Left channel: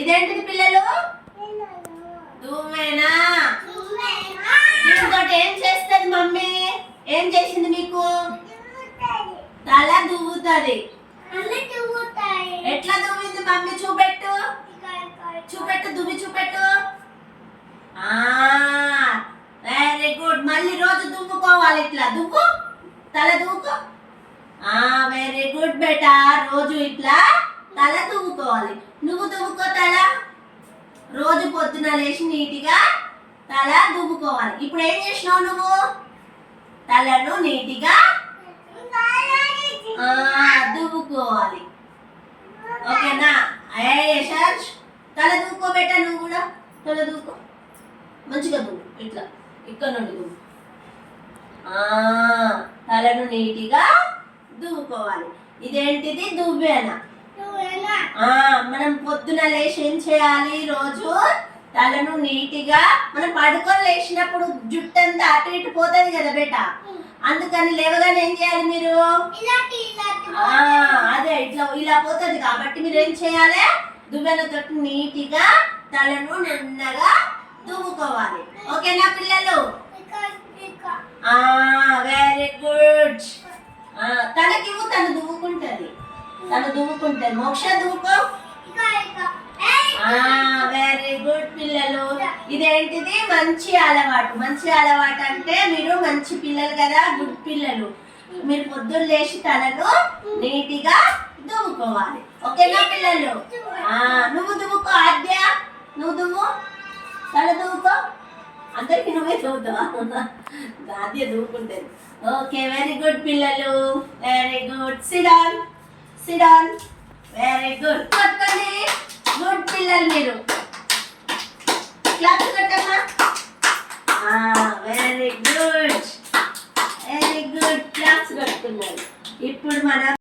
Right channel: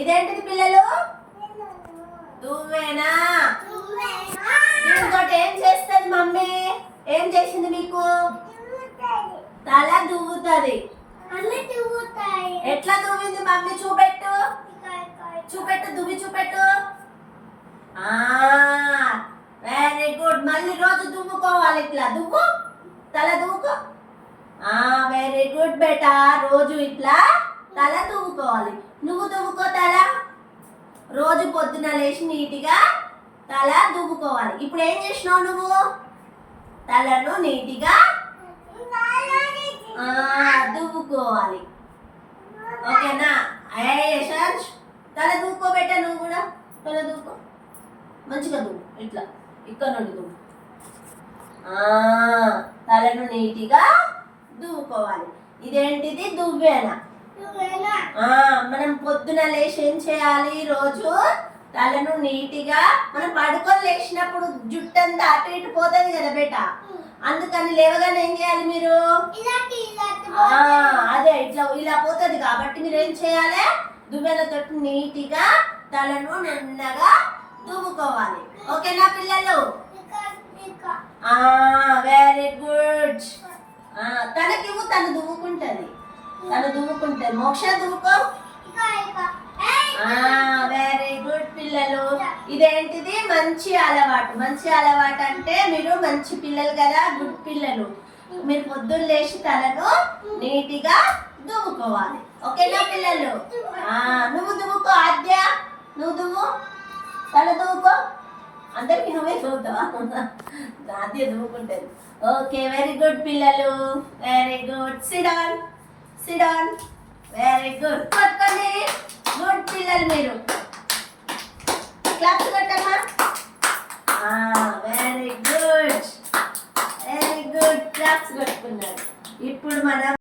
ఇదేంటిది పిల్లలు? దువ్వెనా. దీంతో ఏం చేస్తుంది మమ్మీ? ఏం చేసింది మీకు? తల దువ్వుతుంది. ఎట్లా దువ్వింది మమ్మీ? చూపెట్టు చూపెట్టు, దువ్వి చూపెట్టు. Very good. మళ్ళీ రోజు దువ్వుకోవాలి. ఇట్లా దువ్వు, తల దువ్వుకో. వెరీ గుడ్ బేటా. రోజు ఇట్లా తల దువ్వుకోవాలి. నువ్వు దువ్వుకో తల. రోజు పొద్దున లేచి నీట్గా తల దువ్వుకోవాలి. ఇప్పుడు ఏం చేసినావు నువ్వు? తలను నీట్గా దువ్వుకోవాలి. ఓకేనా? యశాంష్ తల దువ్వుకోబెట్ట. నువ్వు కూడా తల దువ్వుకో. మంచిగా దువ్వు. ఇట్లా ఇక్కడ నుండి దువ్వు. తలను నీట్గా దువ్వుకోవాలి. ఇదేంటిది? దువ్వెన. మనం పొద్దున లేచి ఏం చేయాలి? రోజు తలను నీట్గా, మనం పడుకొని లేచినప్పుడు జుట్టు అంతా అటు ఇటు పోతుంది కదా బేట. అందుకని లేవగానే ఏం చేయాలి మీరు? అదే ఇట్లా ఇలా పోతుంది కాబట్టి మీరు ఏం చేయాలి? దువ్వెనతో నీట్గా తలను నున్నగా దువ్వుకోవాలి. ఓకేనా పిల్లలు? Very good. తనకివ్వు, తను దువ్వుకుంటది. మోక్ష దువ్వుకో. వెరీ గుడ్ పిల్లలు. ఇదేంటిది? మంచి అలవాటు. మంచి అలవాటు అంటే మీరు మంచి పిల్లలు కదా, గుడ్ పిల్లలు. మీరు పొద్దున్న లేచి తలను నీట్గా దువ్వుకోవాలి. ఓకేనా పిల్లలు? నువ్వు దువ్వుకో. ఆద్య నువ్వు దువ్వు, తల దువ్వుకో. అందరికి నువ్వే చూద్దావా? ఆద్య దువ్వుకుంటుంది. ఓకే, వెరీ గుడ్ పిల్లలు. Very good. సిడాన్ సిడాన్. Very good. పట్టుకోండి. గుడ్ పిల్లలు మీరు. క్లాస్ కొట్టమ్మా. Very good. Very good. Class కొట్టుకున్నారు. ఇప్పుడు మనం